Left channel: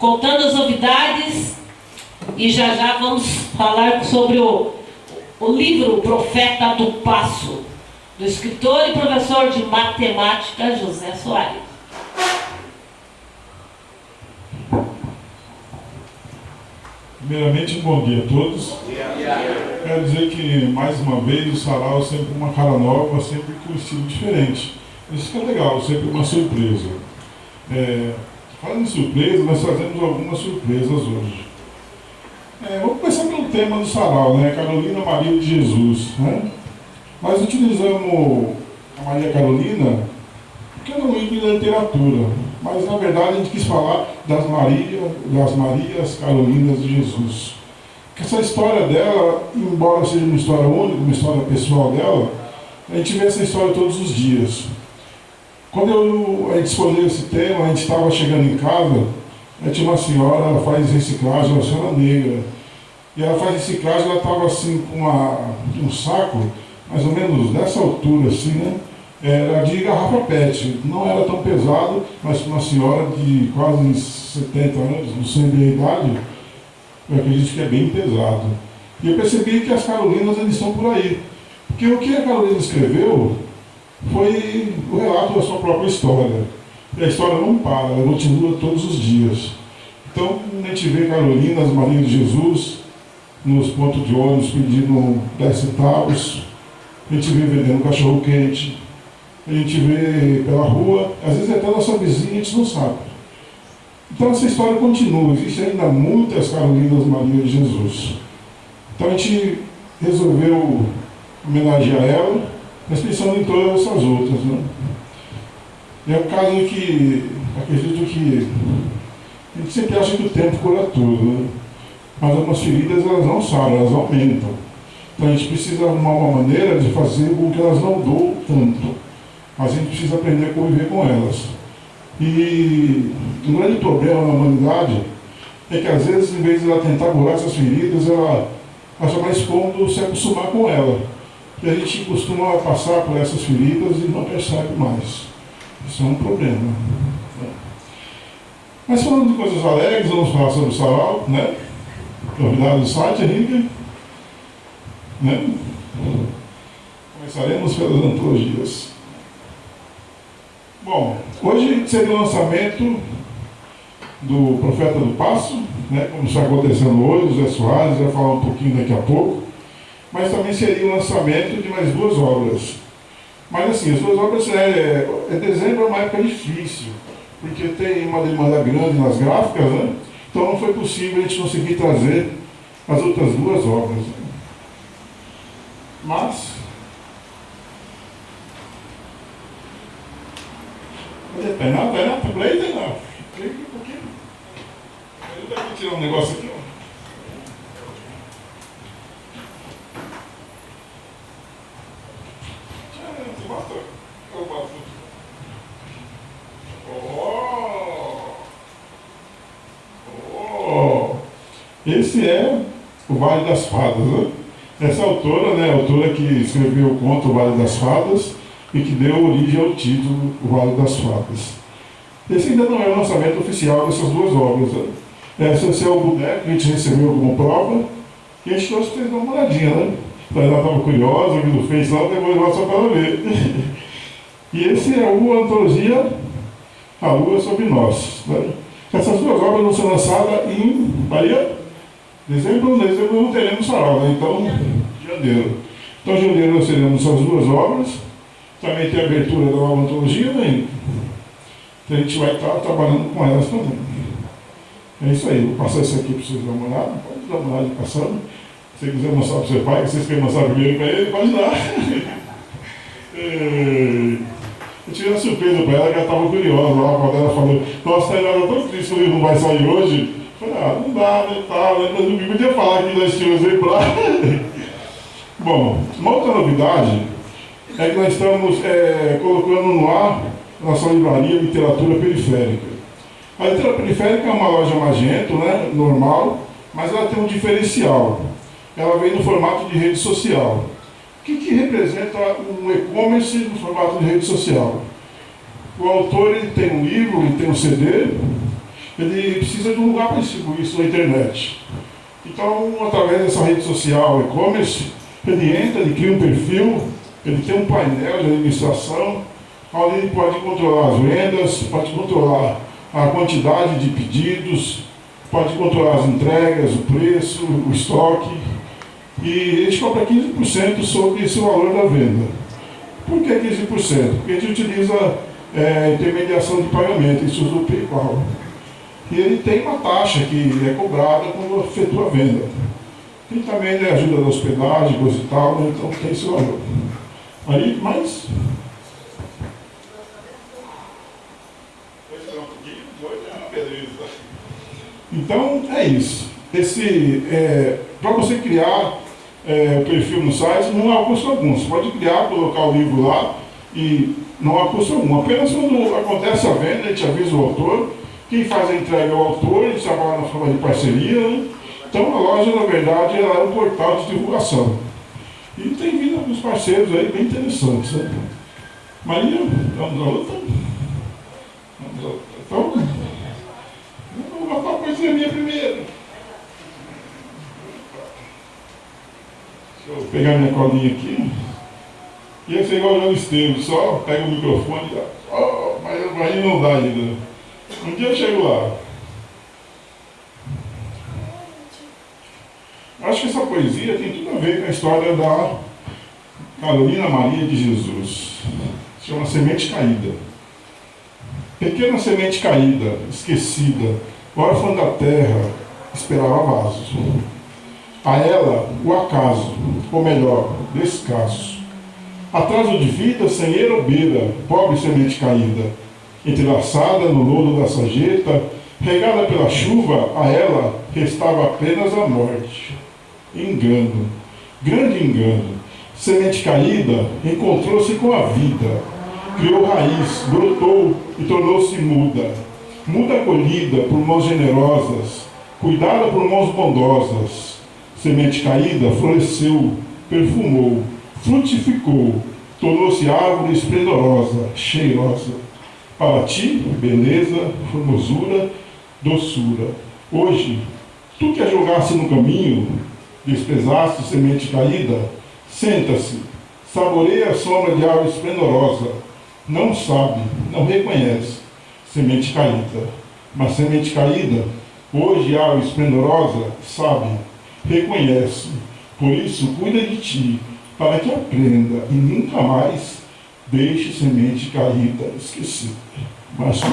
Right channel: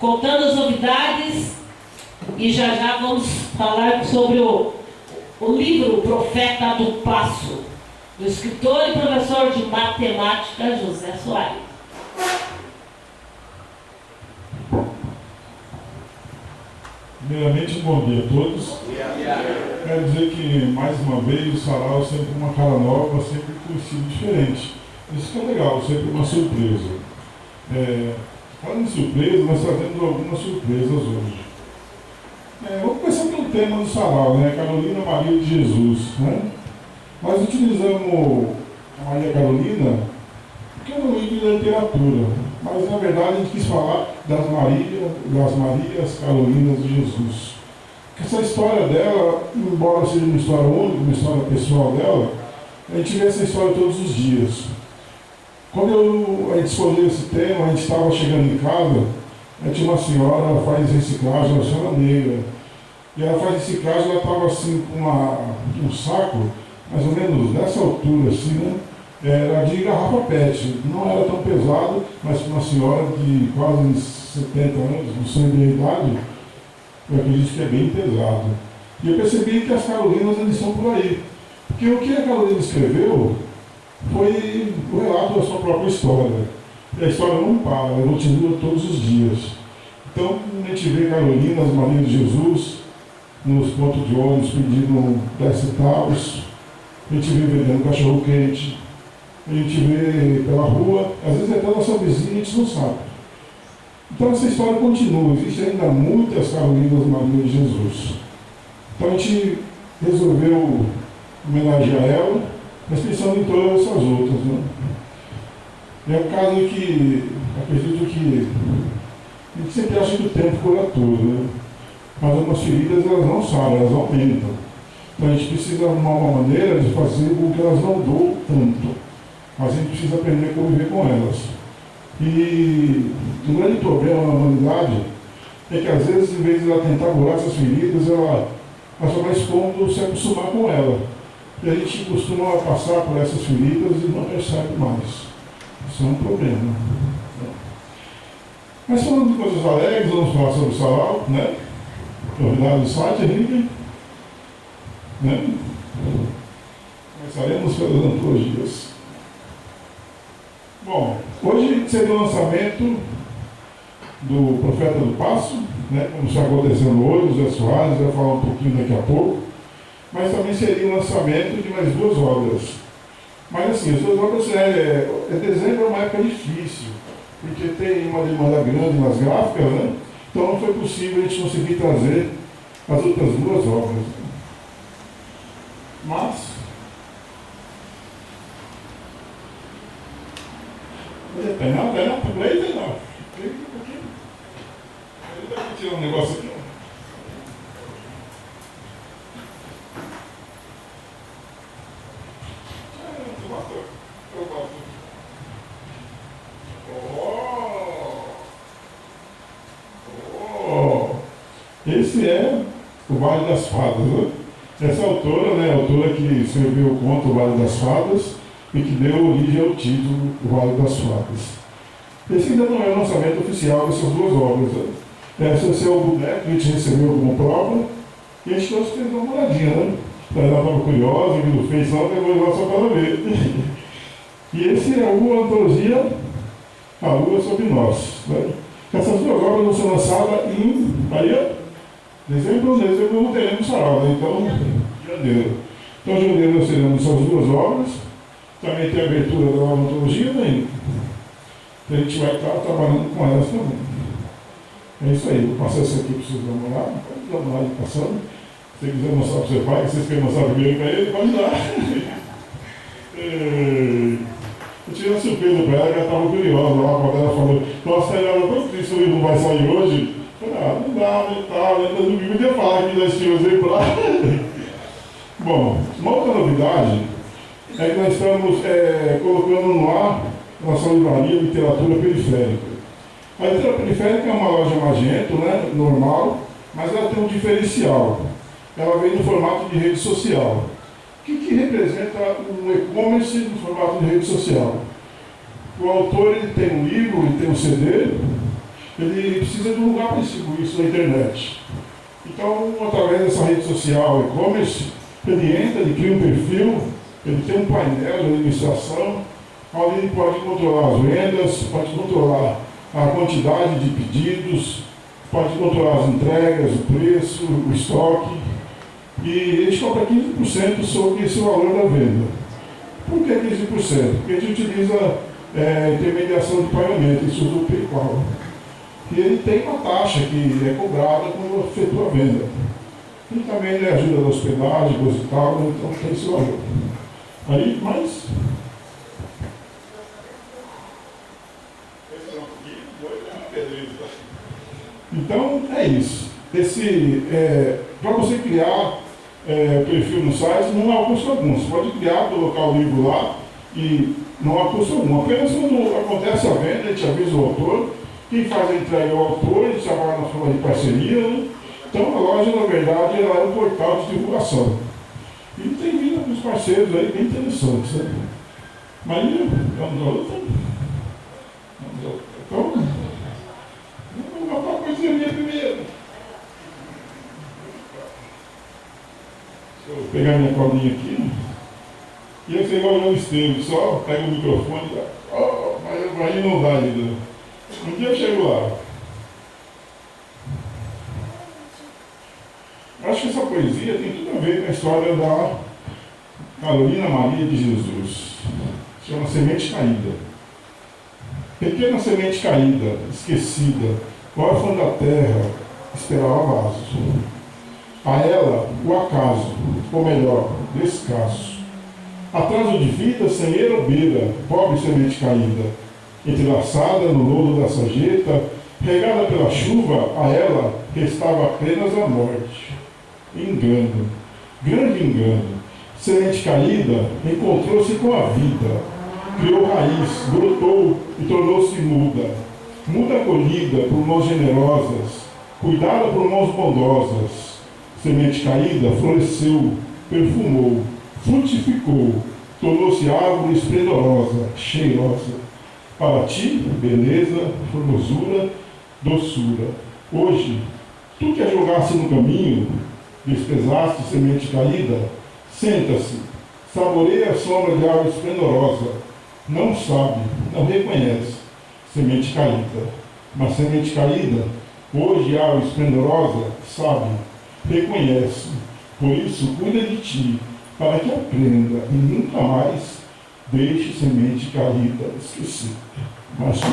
contando as novidades, e já vamos falar sobre o livro O Profeta do Passo, do escritor e professor de matemática José Soares. Primeiramente, bom dia a todos. Quero dizer que, mais uma vez, o sarau é sempre uma cara nova, sempre com um estilo diferente. Isso que é legal, sempre uma surpresa. Falando em surpresa, nós trazemos algumas surpresas hoje. Vamos começar pelo tema do sarau, né? Carolina Maria de Jesus. Né? Nós utilizamos a Maria Carolina porque é um livro de literatura, mas na verdade a gente quis falar das Marias Carolinas de Jesus. Porque essa história dela, embora seja uma história única, uma história pessoal dela, a gente vê essa história todos os dias. Quando a gente escolheu esse tema, a gente estava chegando em casa, tinha uma senhora, ela faz reciclagem, uma senhora negra, e ela faz reciclagem, ela estava assim com um saco, mais ou menos dessa altura assim, né? Era de garrafa PET, não era tão pesado, mas para uma senhora de quase 70 anos, não sei bem a idade, eu acredito que é bem pesado. E eu percebi que as Carolinas eles estão por aí, porque o que a Carolina escreveu foi o relato da sua própria história. E a história não para, ela continua todos os dias. Então, a gente vê Carolina, as Marias de Jesus, nos pontos de ônibus pedindo 10 centavos, a gente vê vendendo cachorro quente, a gente vê pela rua, às vezes até a nossa vizinha a gente não sabe. Então essa história continua, existem ainda muitas Carolinas Maria de Jesus. Então a gente resolveu homenagear ela, mas pensando em todas essas outras. Né? É um caso que acredito que a gente sempre acha que o tempo cura tudo, né? Mas algumas feridas elas não saram, elas aumentam. Então a gente precisa arrumar uma maneira de fazer com que elas não doam tanto. Mas a gente precisa aprender a conviver com elas. E um grande problema na humanidade é que às vezes, em vez de ela tentar curar essas feridas, ela acha mais cômodo se acostumar com ela. E a gente costuma passar por essas feridas e não percebe mais. Isso é um problema. Mas falando de coisas alegres, vamos falar sobre o sarau, né? Novidade do site, Henrique. Né? Começaremos pelas antologias. Bom, hoje seria o lançamento do Profeta do Passo, né, como está acontecendo hoje, o Zé Soares vai falar um pouquinho daqui a pouco, mas também seria o lançamento de mais duas obras. Mas assim, as duas obras, dezembro é uma época difícil, porque tem uma demanda grande nas gráficas, né? Então não foi possível a gente conseguir trazer as outras duas obras. Mas tem não, play tem não. Play um pouquinho. Eu vou tirar um negócio aqui, ó. Esse é o Vale das Fadas, né? Essa autora, né, a autora que escreveu o conto O Vale das Fadas e que deu origem ao título O Vale das Fadas. Esse ainda não é o lançamento oficial dessas duas obras. Né? Esse é o boneco que a gente recebeu como prova e a gente trouxe para vocês dar uma olhadinha, né? Ela estava curiosa, viu no Face lá, depois lá só para ela ver. E esse é a antologia A Lua Sobre Nós. Né? Essas duas obras vão ser lançadas em Bahia. Dezembro não teremos sarau, né? Então, janeiro. Então, em janeiro nós teremos essas duas obras. Também tem a abertura da nova antologia, né? Então a gente vai estar trabalhando com elas também. É isso aí, vou passar isso aqui para vocês dar uma olhada. Pode dar uma olhada passando. Se você quiser mostrar para o seu pai, que vocês querem mostrar primeiro para ele, pode dar. Eu tive uma surpresa para ela, que ela estava curiosa lá, quando ela falou, nossa, ela era tão triste que o livro não vai sair hoje. Eu falei, não dá, né, tá, né, mas não podia falar que nós tínhamos exemplar. Bom, uma outra novidade é que nós estamos colocando no ar a nossa livraria Literatura Periférica. A literatura periférica é uma loja Magento, né, normal, mas ela tem um diferencial. Ela vem no formato de rede social. O que representa um e-commerce no formato de rede social? O autor ele tem um livro, ele tem um CD, ele precisa de um lugar para distribuir isso na internet. Então, através dessa rede social e-commerce, ele entra, ele cria um perfil, ele tem um painel de administração, onde ele pode controlar as vendas, pode controlar a quantidade de pedidos, pode controlar as entregas, o preço, o estoque, e ele cobra 15% sobre esse valor da venda. Por que 15%? Porque a gente utiliza intermediação de pagamento, isso do PayPal. E ele tem uma taxa que é cobrada quando efetua a venda. E também ele ajuda na hospedagem, coisa e tal, então tem esse valor. Aí, mas... Então, é isso. Para você criar o perfil no site, não há custo algum. Você pode criar, colocar o livro lá e não há custo algum. Apenas quando acontece a venda, a gente avisa o autor. Quem faz a entrega é o autor, a gente trabalha na forma de parceria, né? Então, a loja, na verdade, ela é um portal de divulgação. E tem vindo alguns parceiros aí bem interessantes, né? Maria, vamos à outra? Então, vamos botar uma coisinha minha primeiro. Deixa eu pegar minha colinha aqui. Ia ser igual o João Esteves, só pega o microfone e dá. Oh, mas aí não dá ainda. Um dia eu chego lá. Acho que essa poesia tem tudo a ver com a história da Carolina Maria de Jesus. Chama Semente Caída. Pequena semente caída, esquecida, órfã da terra, esperava vasos. A ela, o acaso, ou melhor, descaso. Atraso de vida sem eira ou beira, pobre semente caída, entrelaçada no lodo da sarjeta, regada pela chuva, a ela restava apenas a morte. Engano, grande engano. Semente caída encontrou-se com a vida, criou raiz, brotou e tornou-se muda. Muda acolhida por mãos generosas, cuidada por mãos bondosas. Semente caída floresceu, perfumou, frutificou, tornou-se árvore esplendorosa, cheirosa. Para ti, beleza, formosura, doçura. Hoje, tu que a jogasse no caminho, desprezaste semente caída, senta-se, saboreia a sombra de árvore esplendorosa. Não sabe, não reconhece, semente caída. Mas semente caída, hoje árvore esplendorosa, sabe, reconhece. Por isso, cuida de ti, para que aprenda e nunca mais deixe semente caída esquecida. Mas não